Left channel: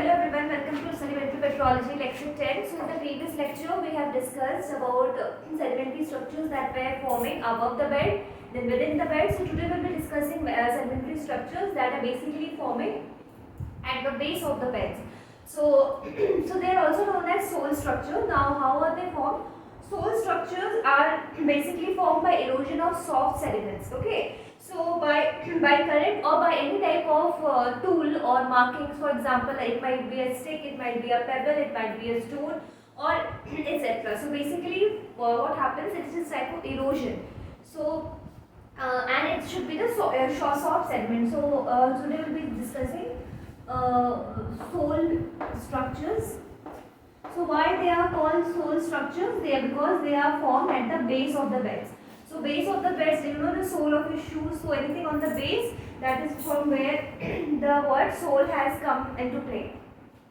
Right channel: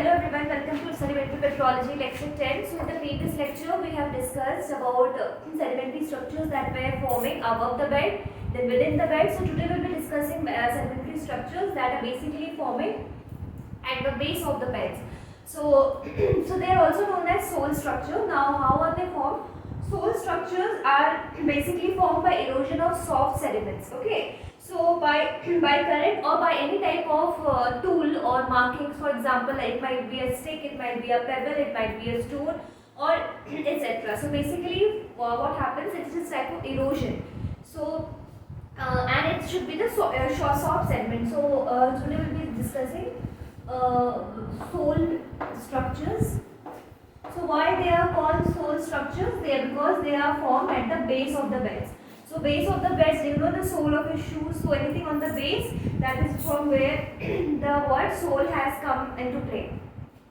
hello everyone, welcome to Sedimentary Petrology lecture 10. So in the previous lecture we have discussed about sedimentary structures that were forming above the bed, then within the bed. So today we will be discussing sedimentary structures that are basically forming at the base of the beds. So, so they are also known as soil structure. Now how are they formed? Soil structures are basically formed by erosion of soft sediments. Okay. So by current or by any type of tool or markings, for example, it might be a stick, it might be a pebble, it might be a stone, or etc. So basically, what happens? It is a type of erosion. So and it should be the soft sediment. So today we'll be discussing soil structures. So why they are called soil structures? They are because they are formed at the base of the beds. So base of the beds, you know the sole of your shoes, so anything on the base, that is from where the word sole has come into play.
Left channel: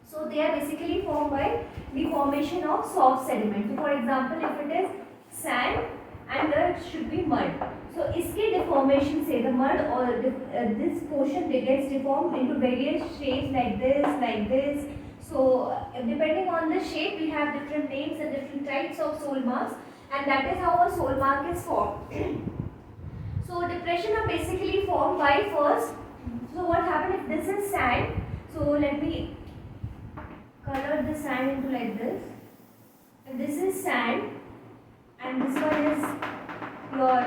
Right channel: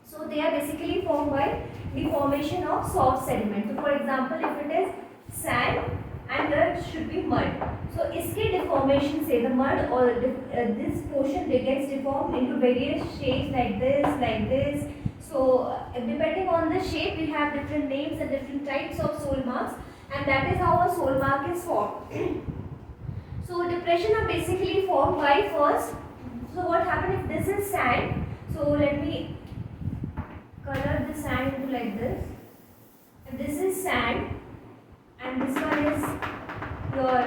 So they are basically formed by the formation of soft sediment. So for example, if it is sand and there should be mud. So iske deformation say the mud or this portion gets deformed into various shapes like this. So depending on the shape, we have different names and different types of soil marks, and that is how a soil mark is formed. So depression are basically formed by first. So what happens if this is sand? So let me color the sand into like this. If this is sand and this one is your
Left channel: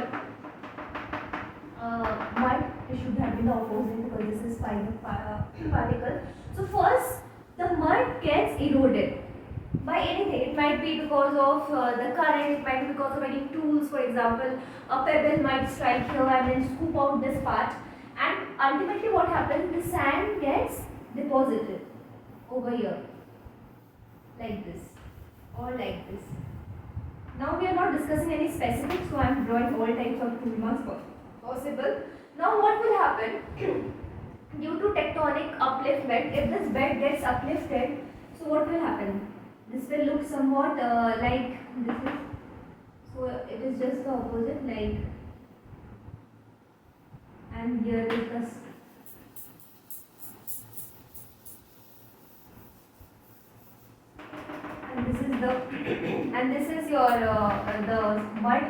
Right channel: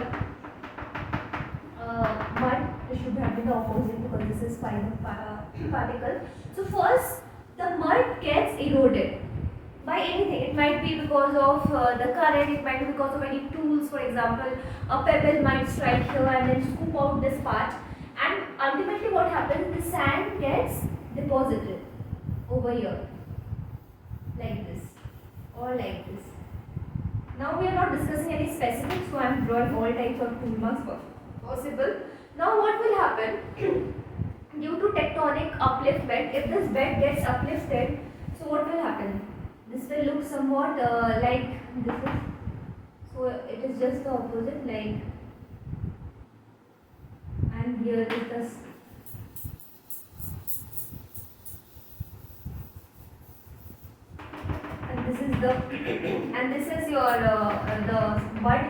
mud, it should have been the opposite because this is fine particle. So first the mud gets eroded by anything. It might be because of the current, it might be because of any tools. For example, a pebble might strike here and then scoop out this part, and ultimately what happens, the sand gets deposited over here like this or like this. Now we are not discussing any specifics, so I am drawing all types of tool marks possible. Now what will happen due to tectonic upliftment, if this bed gets uplifted, so what will happen? This will look somewhat like this is, so it is just the opposite, like, and here is the and this is the and this is your the mud.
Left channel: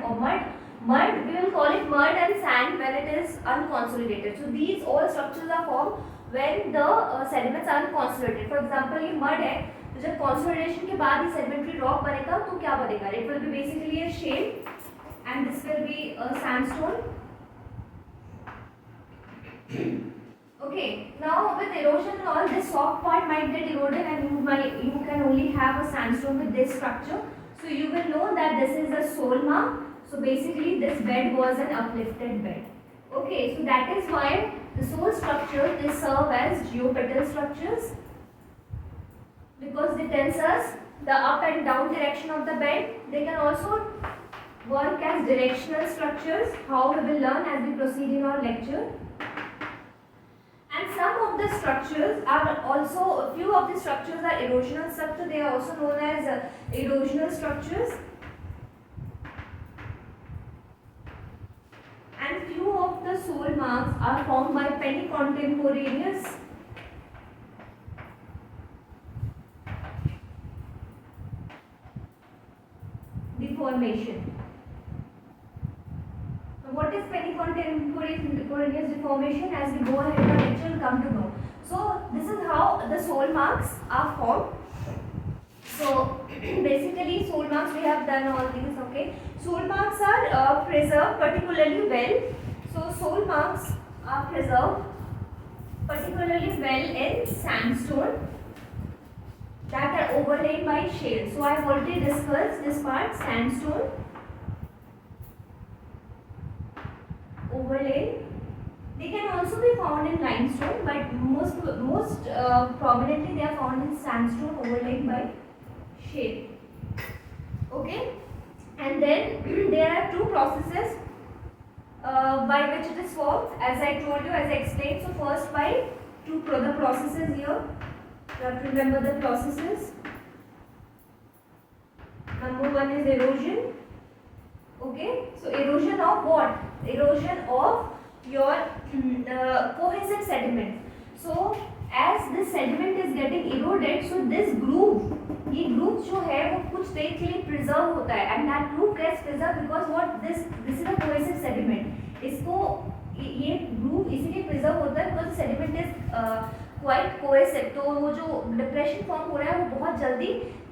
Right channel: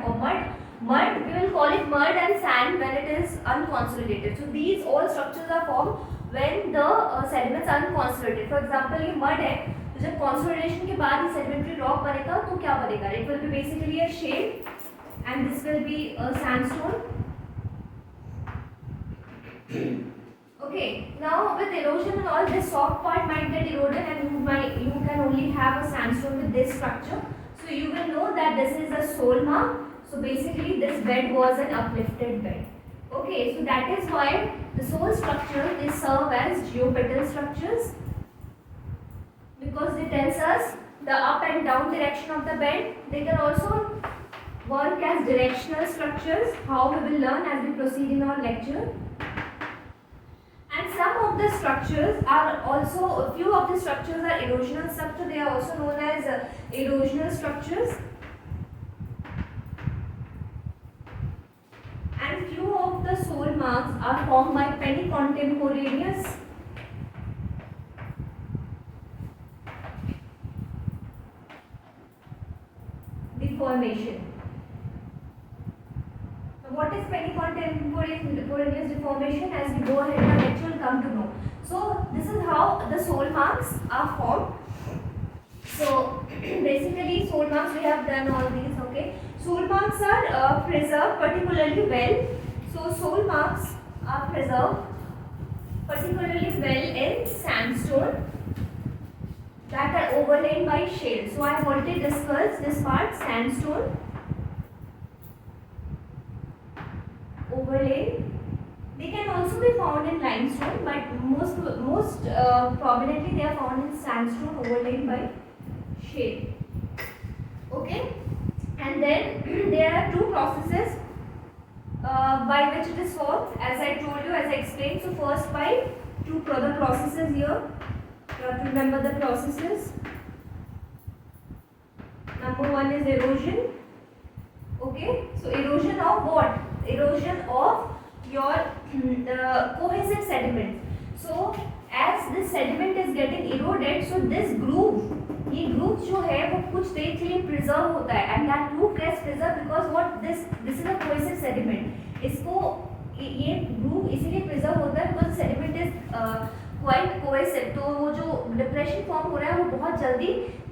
We will call it mud and sand when it is unconsolidated. So these all structures are formed when the sediments are unconsolidated. For example, ये mud है, तो जब consolidation के बाद ये sedimentary rock बनेगा तो क्या बनेगा? It will be basically a shape, and this will be a sandstone. Okay, now with erosion and all, this soft part might get eroded and you can only have a sandstone with this structure. So you will know that this is a soil mark. So basically this bed was an uplifted bed. Okay, so that is why the soil structure, they serve as geopetal structures, because they tells us the up and down direction of the bed. They can also work as directional structures, how we will learn as we proceed in our lecture. And some of the structures are also, a few of the structures are erosional structures. They are also known as erosional structures. And few of the soil marks are formed by penny-contemporaneous deformation. What is penny-contemporaneous deformation? As we go ahead in our lecture, will come to know. So this is how the soil marks are formed. So basically soil marks, we have done all these. Okay, soil marks are preserved particularly well. So soil marks are preserved particularly well in sandstone that are overlain by shale. So I have already discussed this part, sandstone overlay. They can also be found in limestone, but most prominently they are found in sandstone overlain by shale. Okay, and then there are two processes by which it is formed, as I told you, as I explained. So first by two the processes here. You have to remember the processes. Number one is erosion. Okay, so erosion of what? Erosion of your cohesive sediment. So as this sediment is getting eroded, so this groove, ये groove जो है वो कुछ देर के लिए preserve होता है, and that groove gets preserved because what this is a cohesive sediment. इसको ये groove इसीलिए preserve होता है because sediment is quite cohesive, तो वो जो depression form हो रहा है वो बहुत जल्दी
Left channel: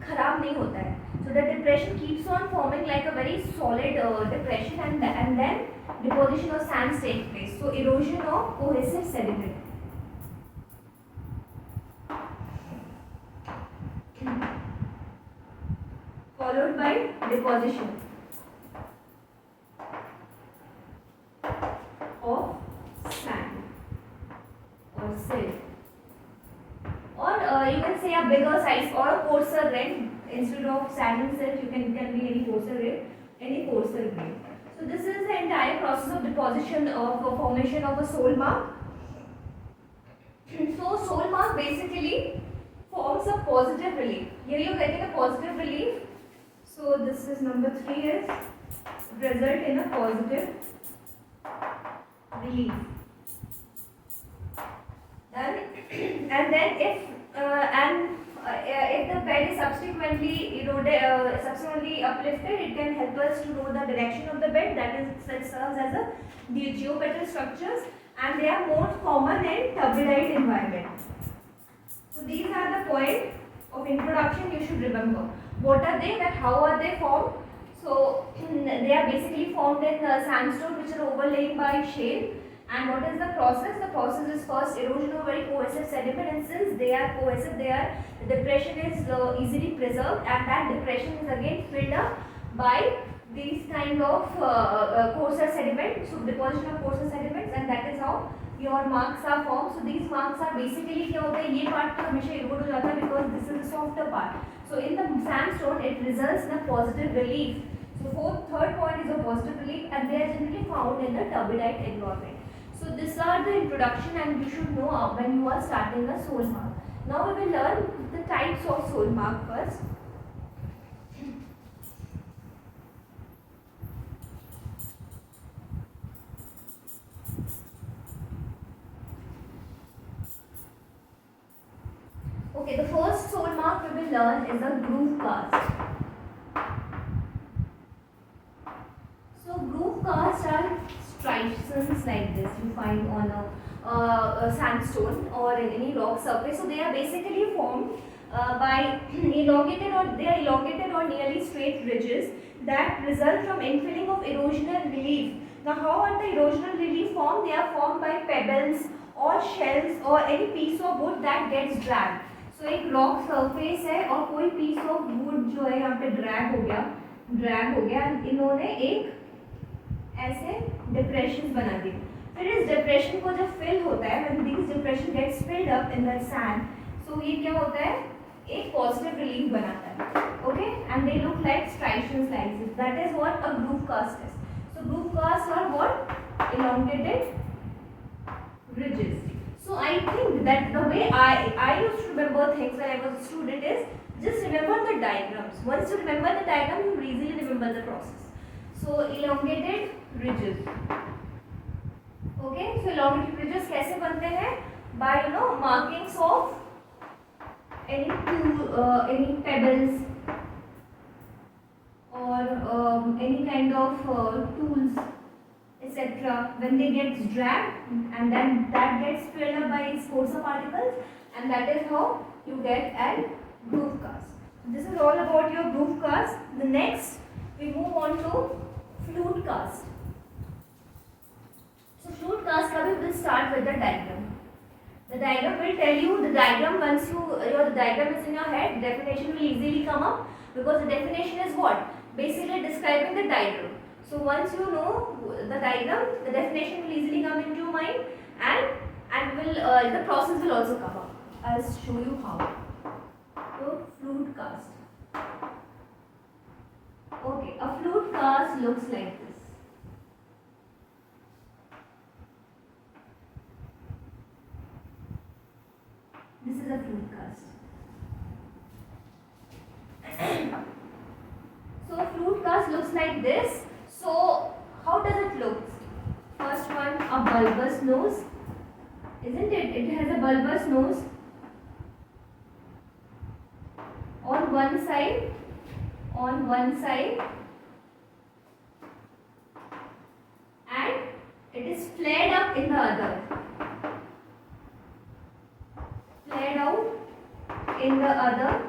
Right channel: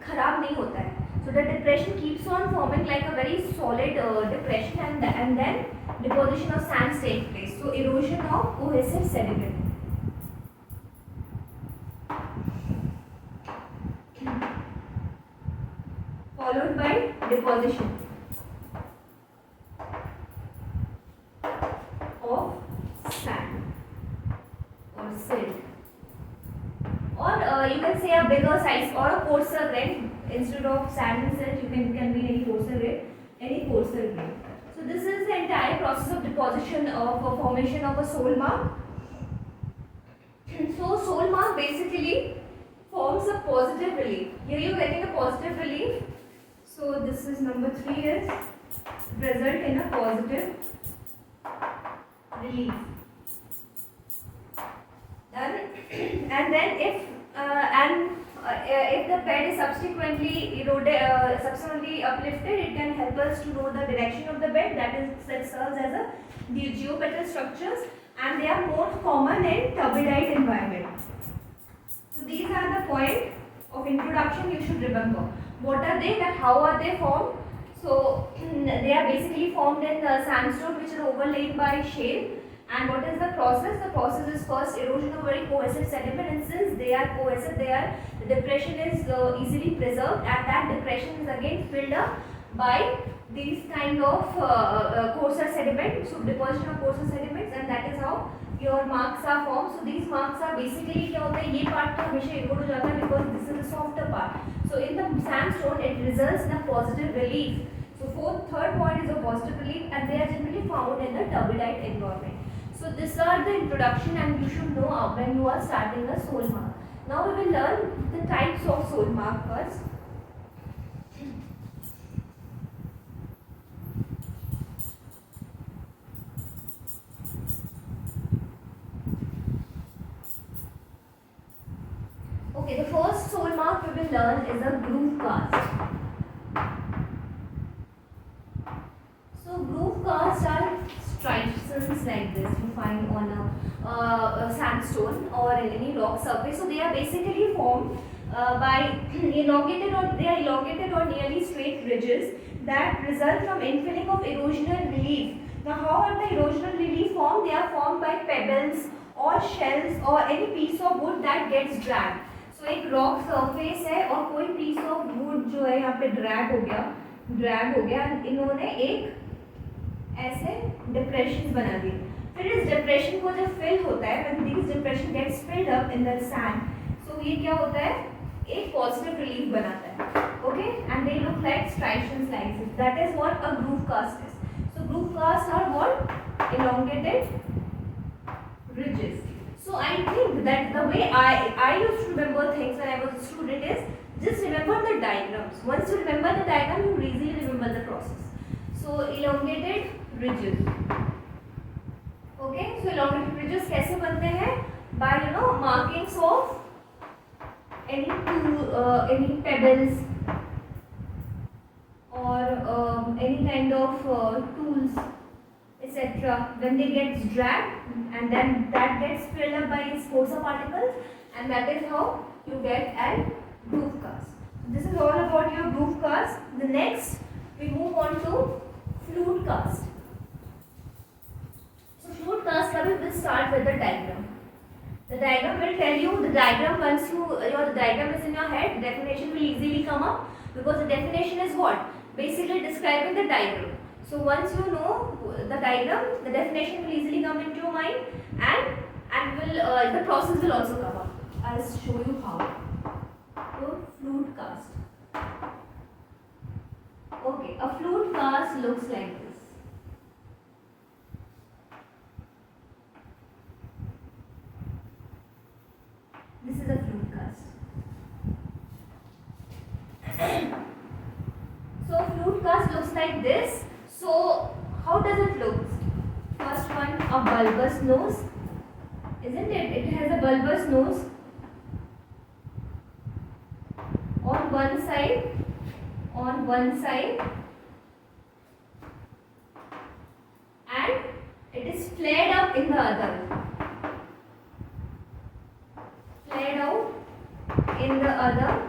खराब नहीं होता है. So the depression keeps on forming like a very solid depression, and then deposition of sands take place. So erosion of cohesive sediment. Followed by deposition of sand or silt, or you can say a bigger size or a coarser grain. Instead of sand and silt, you can be any coarser grain. So this is the entire process of deposition of formation of a soil mark. So soil mark basically forms a positive relief. Here you are getting a positive relief. So this is number 3 is result in a positive relief. And then if the bed is subsequently eroded, subsequently uplifted, it can help us to know the direction of the bed. That serves as a geopetal structures, and they are more common in turbidite environment. So these are the points of introduction you should remember. What are they? That how are they formed? So they are basically formed in sandstone which are overlaid by shale. And what is the process? The process is first erosion of very cohesive sediment, and since they are cohesive, the depression is easily preserved, and that depression is again filled up by these kind of coarser sediment. So deposition of coarser sediments, and that is how your marks are formed. So these marks are basically क्या होता है, ये part तो हमेशा erode हो जाता है because this is the softer part. So in the sandstone, it results in a positive relief. So third point is a positive relief, and they are generally found in the turbidite environment. So these are the introduction, and you should know when you are starting a soil mark. Now we will learn the types of soil mark first. Okay, the first soil mark we will learn is a groove cast. So groove casts are striations like this you find on a sandstone or in any rock surface. So they are basically formed by elongated or nearly straight ridges that result from infilling of erosional relief. Now how are the erosional relief formed? They are formed by pebbles or shells or any piece of wood that gets dragged. So एक rock surface है और कोई piece of wood जो है यहाँ पे drag हो गया, इन्होंने एक ऐसे depressions बना दी. फिर इस depression को जब fill होता है, when these depression gets filled up in the sand, so ये क्या होता है, एक positive relief बनाता है. Okay, and they look like striations like this. That is what a groove cast is. So groove casts are what? Elongated ridges. So I think that the way I used to remember things when I was a student is just remember the diagrams. Once you remember the diagram, you easily remember the process. So elongated ridges. Okay, so elongated ridges कैसे बनते हैं? By markings of any pebbles or any kind of tools, etc. When they get dragged, and then that gets filled up by its coarser particles, and that is how you get a groove cast. This is all about your groove cast. The next we move on to flute cast. So flute cast, we will start with the diagram. The diagram will tell you the diagram. Once your diagram is in your head, definition will easily come up, because the definition is what? Basically describing the diagram. So once you know the diagram, the definition will easily come into your mind, and will the process will also come up. I'll show you how. So flute cast. Okay, a flute cast looks like this. This is a flute cast. So flute cast looks like this. So how does it look? First one, a bulbous nose, isn't it? It has a bulbous nose. one side, and it is flared up in the other, flared out in the other,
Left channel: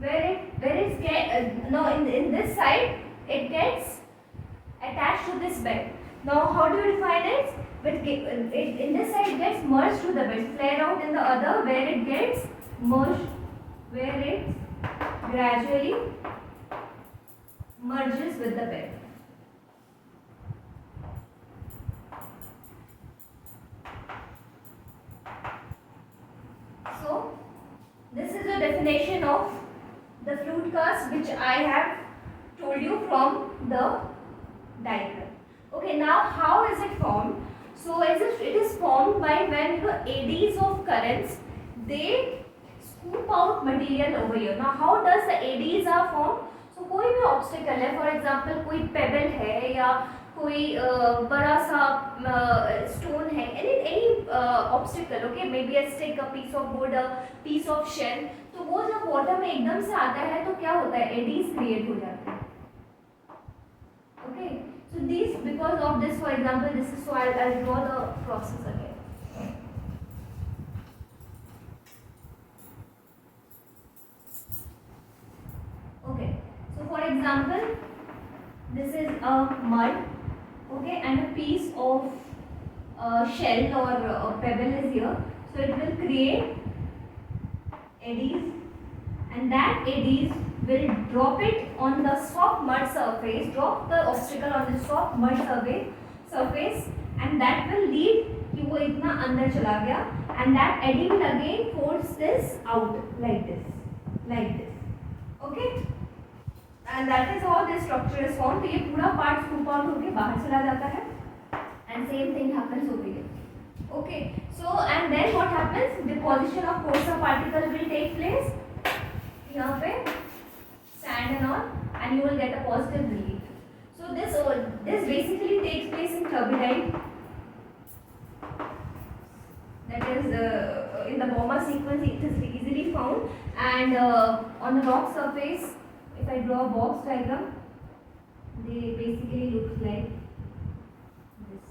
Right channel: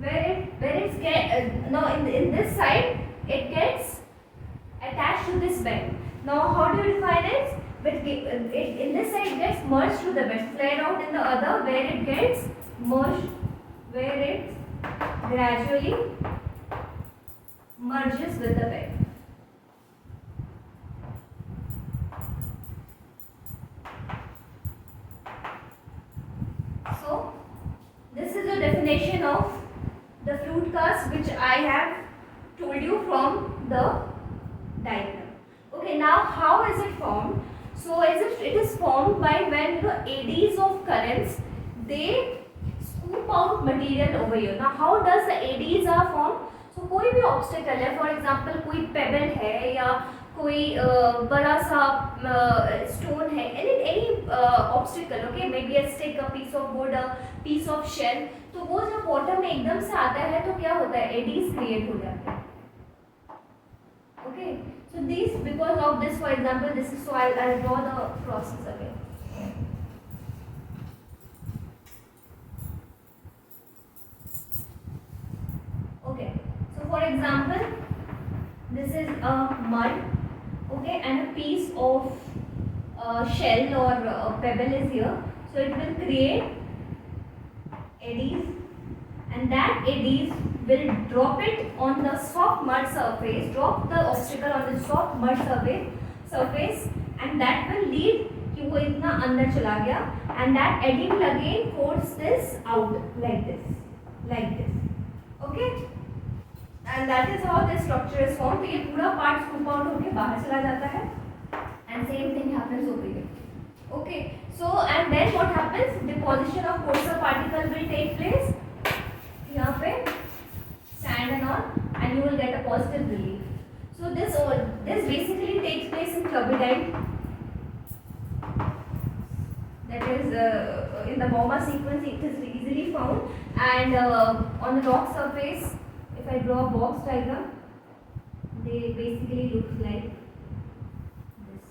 where it's now in this side it gets attached to this bed. Now how do you define it? But in this side it gets merged to the bed, flared out in the other, where it gets merged, where it gradually merges with the bed. So this is the definition of the flute cast which I have told you from the diagram. Okay, now how is it formed? So as it is formed by when eddies of currents, they scoop out material over here. Now how does the eddies are formed? So कोई भी obstacle है, for example कोई pebble है या कोई बड़ा सा stone है, any obstacle, okay, maybe a stick, a piece of wood, a piece of shell, तो वो जब water में एकदम से आता है तो क्या होता है, eddies create हो जाते हैं. Okay, so these, because of this, for example, this is, so I'll draw the process again. Okay, so for example, this is a mud, okay, and a piece of shell or a pebble is here, so it will create eddies, and that eddies will drop it on the soft mud surface, drop the obstacle on the soft mud surface, and that will lead कि वो इतना अंदर चला गया, and that eddy will again force this out like this, okay, and that is how this structure is formed. तो ये पूरा part scoop out होके बाहर चला जाता है, and same thing happens over here. Okay, so and then what happens? Deposition of coarser particle will take place. यहाँ पे sand and all, and you will get a positive relief. So this basically takes place in turbidite, that is in the Bauma sequence it is easily found, and on the rock surface, if I draw a box diagram, they basically look like this.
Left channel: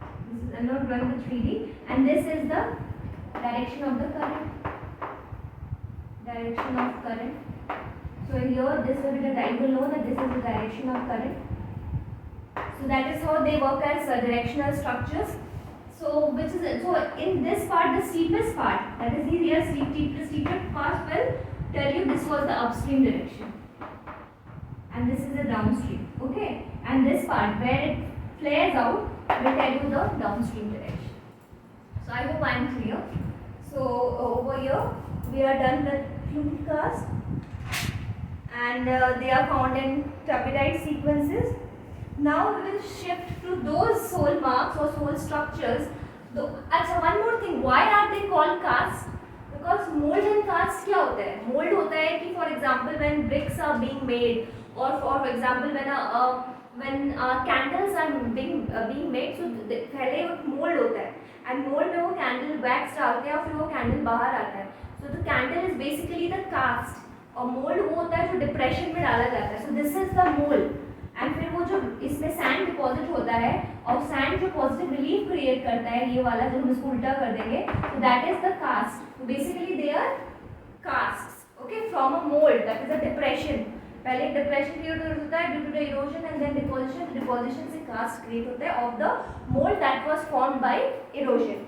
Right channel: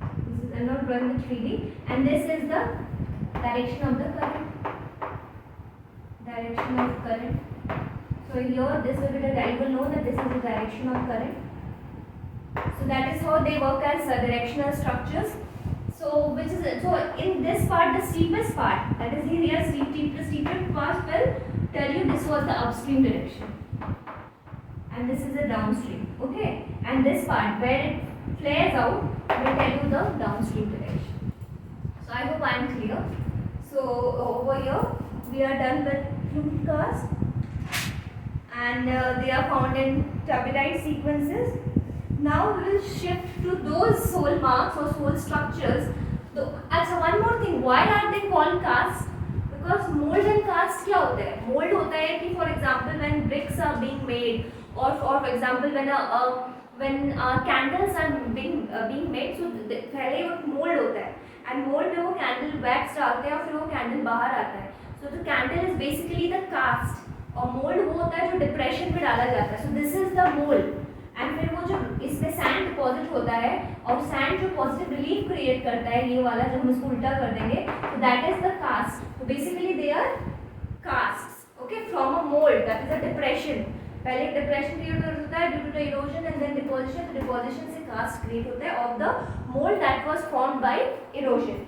This is, I'm not drawing the 3D, and this is the direction of the current. So here this will be the, you will know that this is the direction of current. So that is how they work as directional structures. So which is, so in this part, the steepest part, that is here the steepest part will tell you this was the upstream direction, and this is the downstream, okay, and this part where it flares out will tell you the downstream direction. So I hope I am clear. So over here we are done with flute cast, and they are found in turbidite sequences. Now we will shift to those soul marks or soul structures. So one more thing, why are they called casts? Because mold and cast क्या होता है? Mold होता है कि for example when bricks are being made, or for example when candles are being made, so पहले वो mold होता है, and mold में वो candle wax डालते हैं और फिर वो candle बाहर आता है. So the candle is basically the cast, और mold वो होता है जो depression में डाला जाता है. So this is the mold, and फिर वो जो इसमें sand deposit होता है और sand जो positive relief create करता है, ये वाला जो हम इसको उल्टा कर देंगे, so that is the cast. So basically they are casts, okay, from a mold, that is a depression. पहले depression create होता है due to the erosion and then deposition. The deposition से cast create होता है of the mold that was formed by erosion.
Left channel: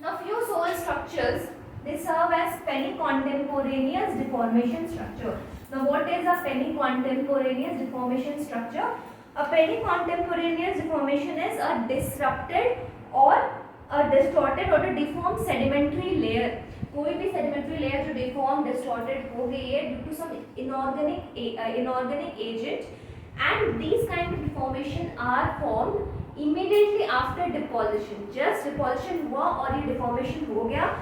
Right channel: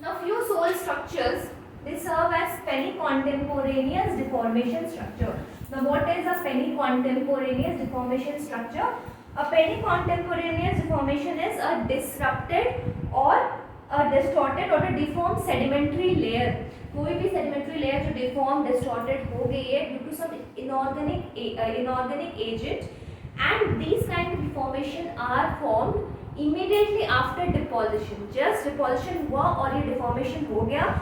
Now few soil structures, they serve as penny-contemporaneous deformation structure. Now what is a penny-contemporaneous deformation structure? A penny-contemporaneous deformation is a disrupted or a distorted or a deformed sedimentary layer. कोई भी sedimentary layer जो deformed, distorted हो गई है due to some inorganic agent, and these kind of deformation are formed immediately after deposition. Just deposition हुआ और ये deformation हो गया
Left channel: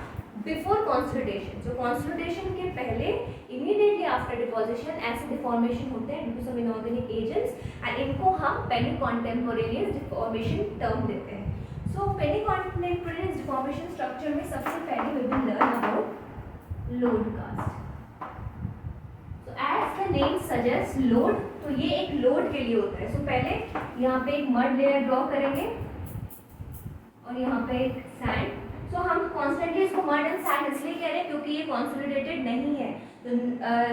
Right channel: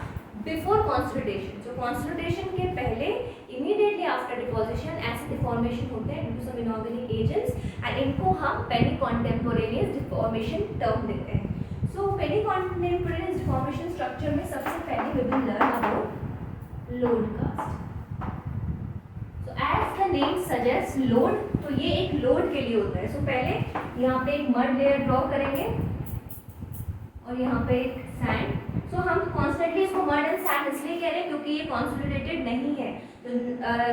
before consolidation. So consolidation के पहले immediately after deposition ऐसे deformation होते हैं due to some inorganic agents, and इनको हम penny-contemporaneous deformation term देते हैं. So penny-contemporaneous deformation structure में सबसे पहले we will learn about load cast. So as the name suggests load, तो ये एक लोड के लिए होता है। So पहले यहाँ पे एक मड लेयर ड्रॉ करेंगे और यहाँ पे एक सैंड। So हम कॉन्स्टेंटली इसको मड एंड सैंड इसलिए कह रहे हैं क्योंकि ये कॉन्सोलिडेटेड नहीं है।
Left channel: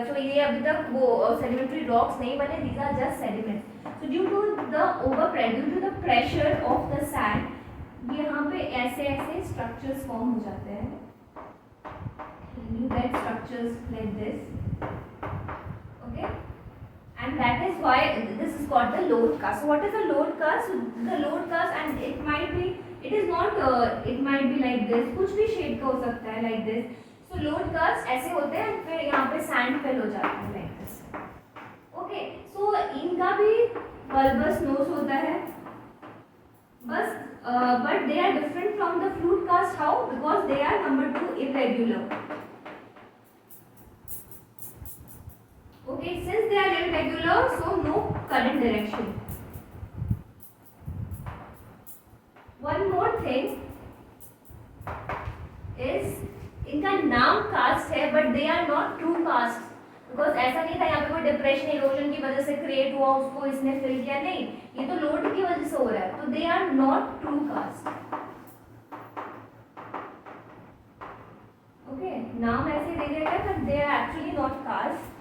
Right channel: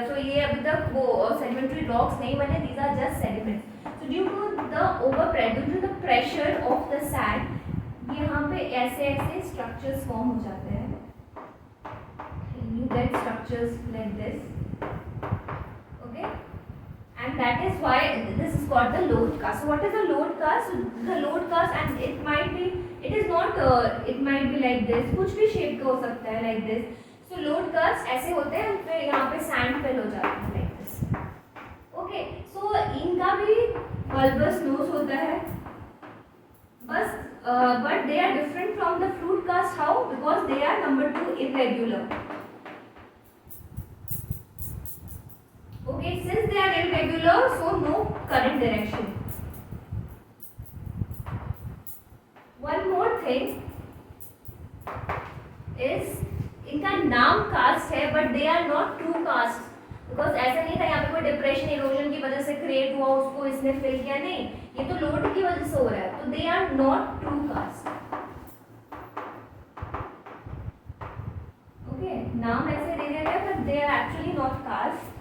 तो ये अभी तक वो सेडिमेंट्री रॉक्स नहीं बने, these are just sediments. So due to the pressure of the sand, यहाँ पे ऐसे ऐसे स्ट्रक्चर्स फॉर्म हो जाते हैं। You get structures like this, okay, and that is why this is called the load cast. So what is a load cast? So the load cast, and it might be like this, कुछ भी shape का हो सकता है like this. So load cast ऐसे होते हैं, फिर यहाँ पे sand fill हो जाता है like this. Okay, so इनका भी bulbous nose होता है, बस but they are different from the flute cast. How? Because they are number 2 irregular. Okay, since they are irregular, so no current direction. One more thing is इनका नाम cast है, but they are not true cast. Because ऐसा नहीं था यहाँ पे कोई depression erosion की वजह से क्रिएट हुआ, उसको इसने फिल किया, नहीं, ये तो लोड की वजह से हो रहा है, तो they are not true cast. Okay, नाम ऐसे दे देते हैं, but they are actually not cast.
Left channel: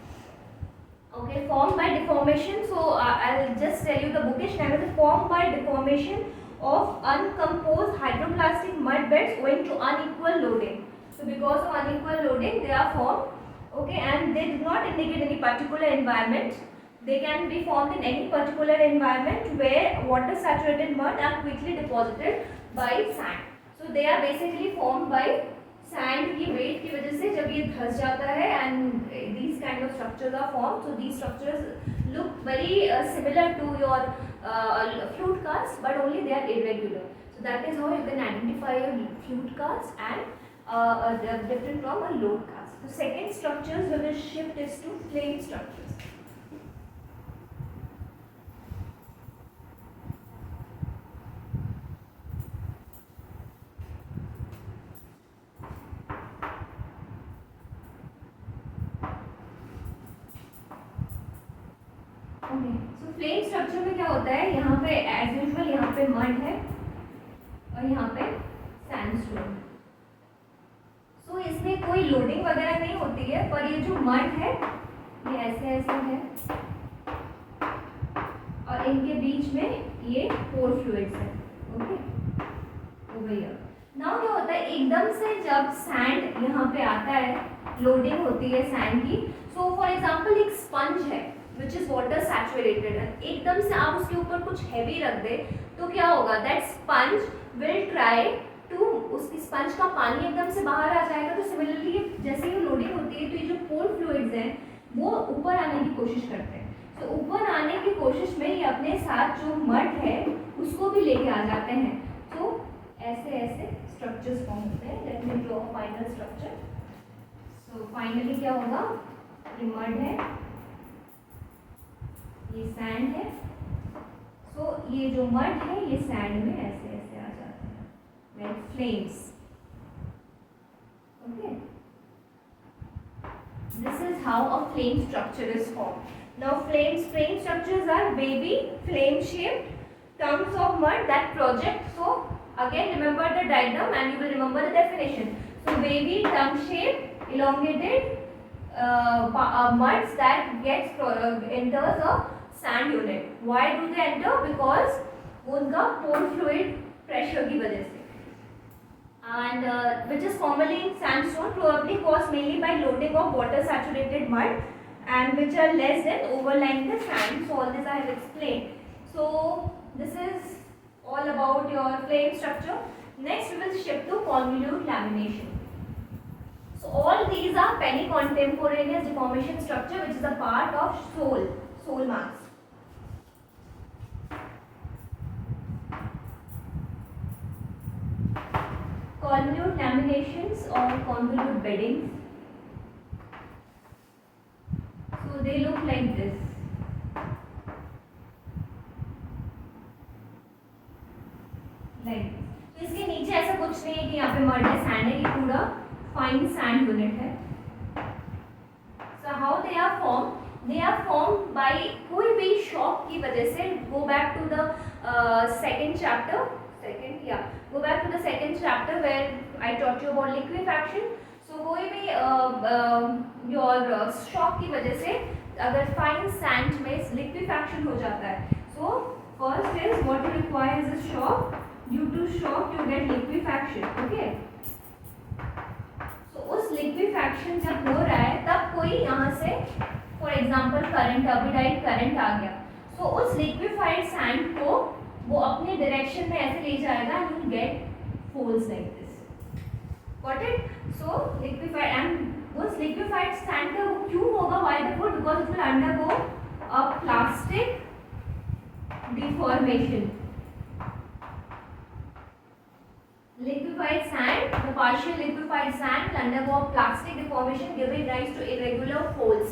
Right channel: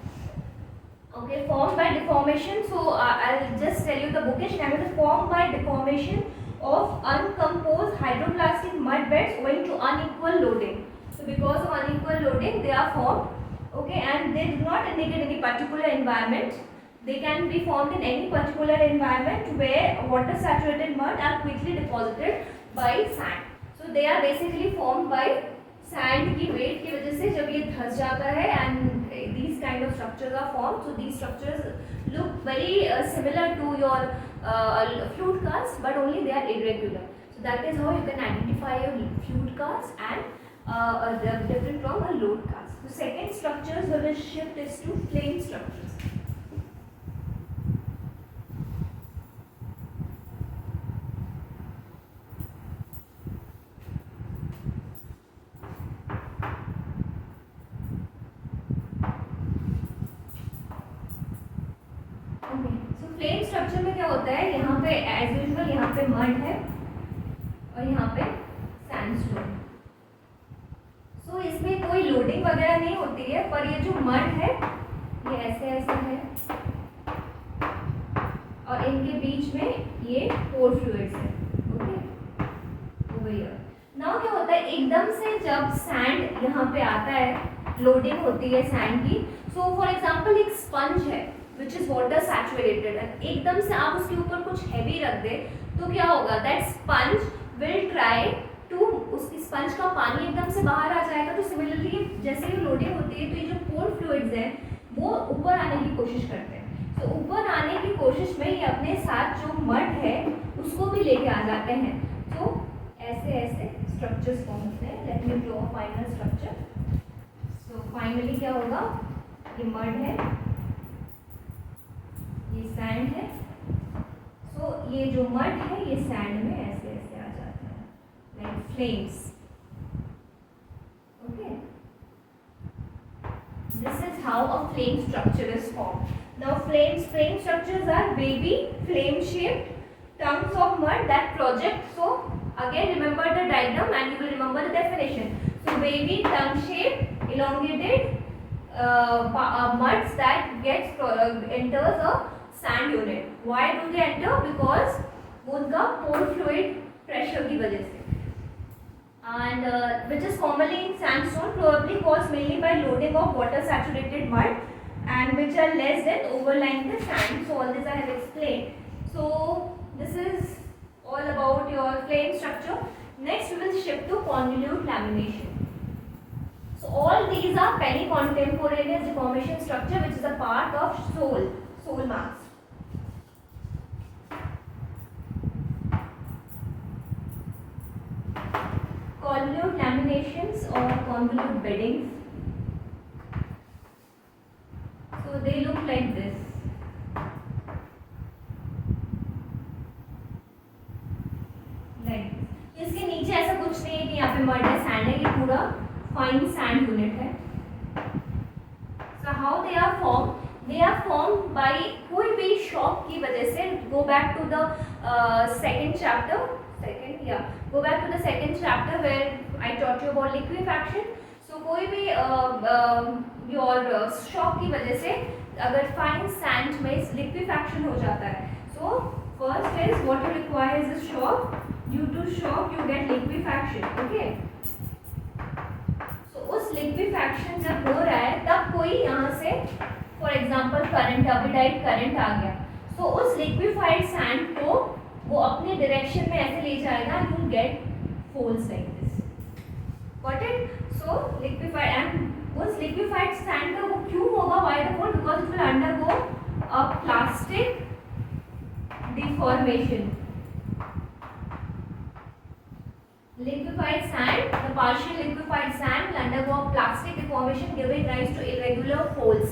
Okay, formed by deformation. So I'll just tell you the bookish name. It is formed by deformation of uncomposed hydroplastic mud beds owing to unequal loading. So because of unequal loading, they are formed. Okay, and they do not indicate any particular environment. They can be formed in any particular environment where water saturated mud are quickly deposited by sand. So they are basically formed by sand की weight की वजह से जब ये धंस जाता है and these kind of structures are form. So these structures look very similar to your flute cast, but only they are irregular. So that is how you can identify your flute cast and different from a load cast. So second structures we will shift is to flame structures. Flame structure में क्या होता है, यहाँ पे as usual यहाँ पे mud है और यहाँ पे सैंडस्टोन. सो इसमें कोई लोडिंग वगैरह नहीं होती है, पर ये जो मड है ये ऐसे ऐसे है और इनके बीच में ये पोर फ्लूइड्स है. Okay, over here. नाउ क्या होता है, एकदम से जब सैंड यहाँ पे आता है, लोडिंग होती है सैंड की. सो फॉर एग्जाम्पल एक स्पंज है which is water saturated, and एकदम से आप उसके ऊपर कुछ हैवी रख दे तो क्या होगा, that sponge will try to, उसकी स्पंज का पानी एकदम से बाहर आ जाएगा. तो सिमिलरली जैसे ही लोडिंग होती है तो ये जो पोर फ्लूइड्स हैं वो ऊपर आने की कोशिश करते हैं. तो ऊपर आने की कोशिश में ये अपने साथ जो मड है उसको भी लेके आ जाते हैं. तो ऐसे ऐसे स्ट्रक्चर्स फॉर्म होते हैं. Let me draw final structure. So finally क्या होगा, ये मड है, ये सैंड है. सो ये जो मड है ये सैंड में ऐसे ऐसे आ जाते हैं like flames. Okay, this is how a flame structure is formed. Now flame structures are wavy flame shaped tongues of mud that project. So again remember the diagram and you will remember the definition. So wavy tongue shaped elongated muds that enters a sand unit. Why do they enter? Because उनका pore fluid pressure की वजह से, and which is commonly in sandstone, probably caused mainly by loading of water saturated mud, and which are less than overlying the sand. So all this I have explained. So this is all about your flame structure. Next we will shift to convolute lamination. So all these are penny-contemporaneous deformation structure which is a part of soil mass. Convolute laminations or convolute beddings. So they look like this. Like this. तो इसके नीचे ऐसा कुछ नहीं है कि यहाँ पे मड है, सैंड है, ये पूरा फाइन सैंड यूनिट है. So how they are formed? They are formed by कोई भी shock की वजह से. Go back to the second chapter. Go back to the second chapter where I taught you about liquefaction. So कोई भी your shock की वजह से अगर fine sand में liquefaction हो जाता है. So first is what you require is a shock. Due to shock you get liquefaction. Okay. उस लिक्विफैक्शन जब हो रहा है तब कोई यहाँ से फॉर एग्जांपल करंट टर्बिडाइट करंट आ गया. सो उस लिक्विफाइड सैंड को वो अपने डायरेक्शन में ऐसे ले जाएगा. You get falls like this. Got it. So liquefied and उस लिक्विफाइड सैंड का वो क्यों होगा why the fall? Because it will undergo a plastic deformation. Liquefied sand, the partial liquefied sand will undergo a plastic deformation giving rise to irregular folds.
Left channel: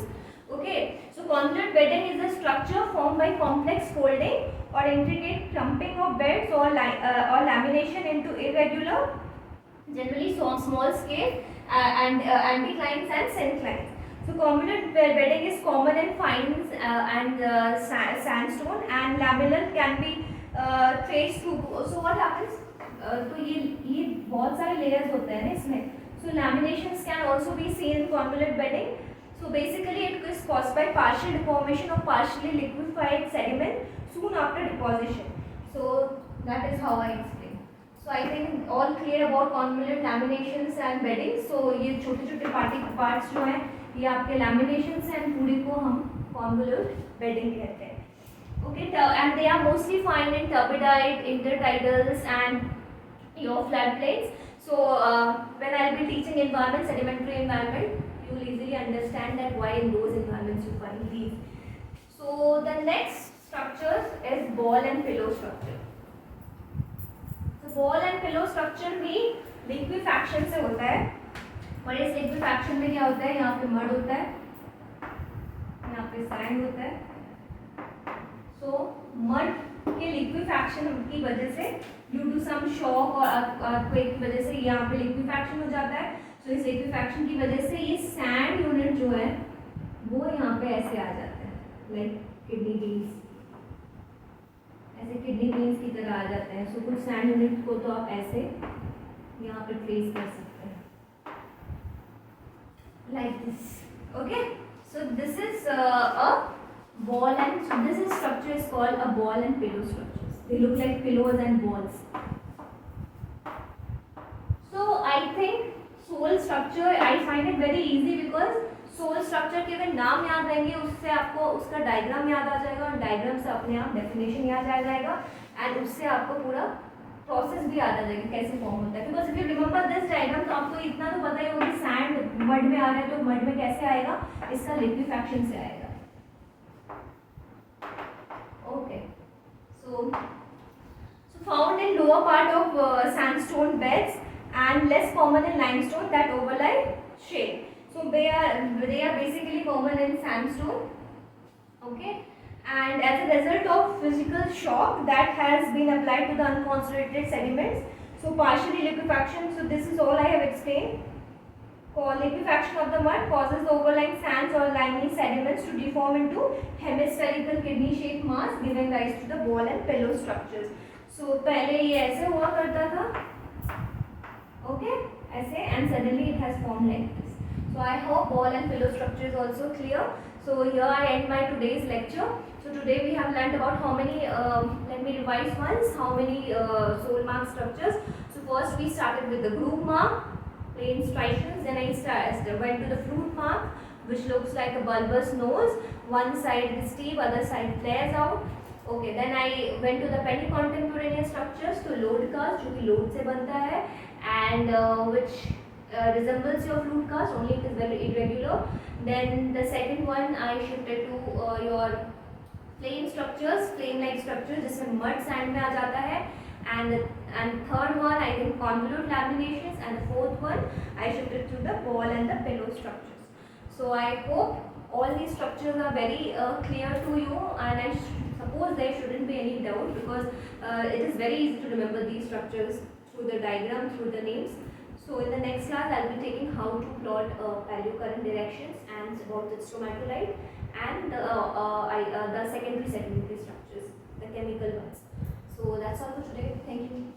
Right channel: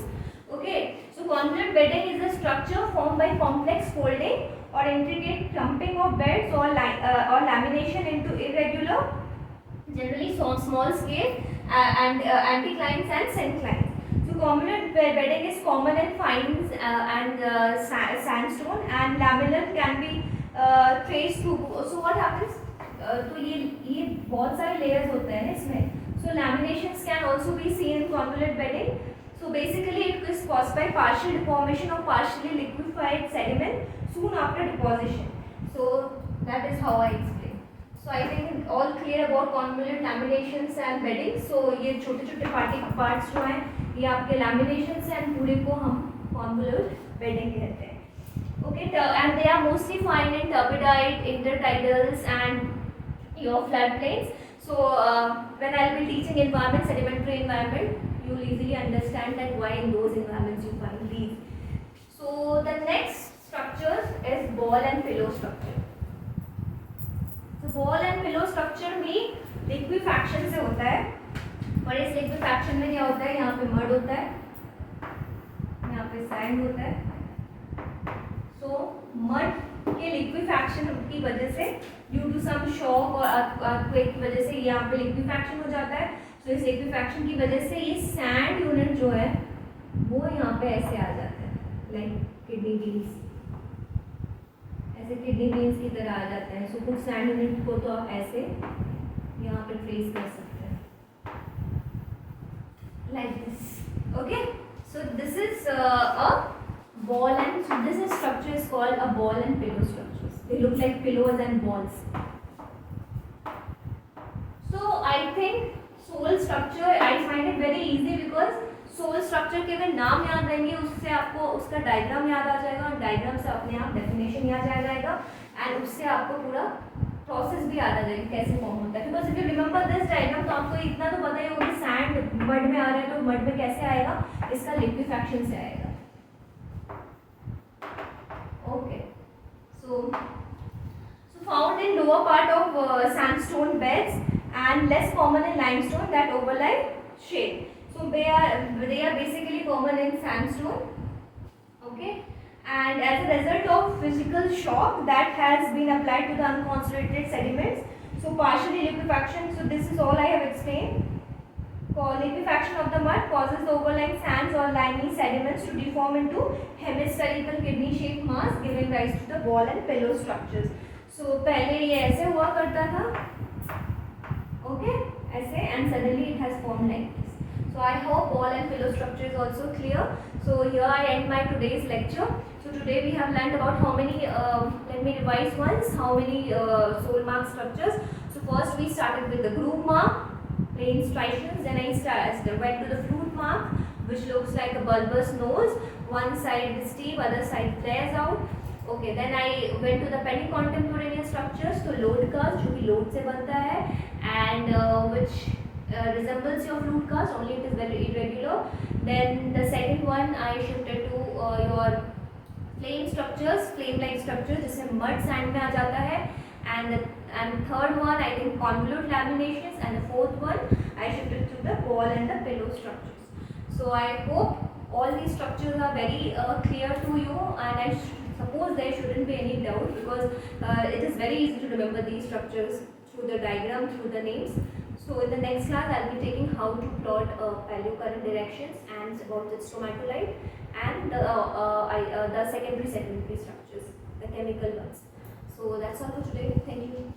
Okay, so convolute bedding is a structure formed by complex folding or intricate clumping of beds or lamination into irregular, generally small scale and anticlines and synclines. So convolute bedding is common in fines and sandstone, and lamellar can be traced to. So what happens? तो ये बहुत सारे layers होते हैं ना इसमें. So laminations can also be seen in convolute bedding. So basically it is caused by partial deformation of partially liquefied sediment soon after deposition. So that is how I explain. So I think all clear about convolute laminations and bedding. So ये छोटे छोटे parts जो हैं ये आपके लैमिनेशंस हैं and पूरे को हम कॉन्वोल्यूट बेडिंग कहते हैं. Okay, and they are mostly found in turbidite, intertidals and your floodplains. So when I will be teaching environment, sedimentary environment, you will easily understand that why in those environments you find these. So the next structure is ball and pillow structure. So ball and pillow structure भी liquefaction से होता है. और इस liquefaction में क्या होता है? यहाँ पे mud होता है, यहाँ पे sand होता है. तो मड के लिक्विफैक्शन की वजह से ड्यू टू सम शॉक और अर्थक्वेक की वजह से यहाँ पे लिक्विफैक्शन हो जाता है. तो इस लिक्विफैक्शन की वजह से ये सैंड यूनिट जो है वो यहाँ पे ऐसे आ जाता है लाइक किडनी बीन्स. ऐसे किडनी बीन्स की तरह आ जाते हैं. सो कुछ सैंड यूनिट को तो आप ऐसे यहाँ पे ट्रेस कर सकते हैं like this. Okay, so this is a ball, and so this structure is called a ball and pillow structures. They look like pillows and balls. So I think soul structure I find it very easy because soul structure के अगर नाम याद रहेंगे उससे आपको उसका diagram याद आ जाएगा और डायग्राम से अपने आप डेफिनेशन याद आ जाएगा एंड उससे आपको पूरा प्रोसेस भी याद आ जाएगा कैसे फॉर्म होता है. Because if you remember this diagram तो आपको इतना तो पता ही होगा कि सैंड मड में आ रहा है तो मड में कैसे आएगा? इसका लिक्विफैक्शन से आएगा. Okay, so found in lower part of sandstone beds and less common in limestone that overlie shale. So they are basically common in sandstone. Okay, and as a result of physical shock that has been applied to the unconcentrated sediments, so partially liquefaction. So this is all I have explained. Liquefaction of the mud causes the overlying sands or limey sediments to deform into hemispherical kidney-shaped mass, giving rise to the ball and pillow structures. So पहले ये ऐसे हुआ करता था, okay, ऐसे, and suddenly it has formed like this. So I hope ball and pillow structure is also clear. So here I end my today's lecture. So today we have learned about how many. Let me revise once. How many soul mark structures? So first we started with the groove mark, plain striations. Then I went to the flute mark, which looks like a bulbous nose. One side is steep, other side flares out. Okay, then I went to the penny-contemporaneous structures, तो load cast जो कि load से बनता है, and which resembles your flute cast, only it is very irregular. Then the second one I shifted to your flame structures, flame-like structures जिससे mud sand में आ जाता है, and third one I think convolute laminations, and the fourth one I shifted to the ball and the pillow structures. So I hope all these structures are very clear to you, and I suppose there shouldn't be any doubt because it is very easy to remember these structures through the diagram, through the names. So in the next class, I'll be taking how to plot paleocurrent directions and about the stromatolite and the secondary structures, the chemical ones. So that's all for today. Thank you.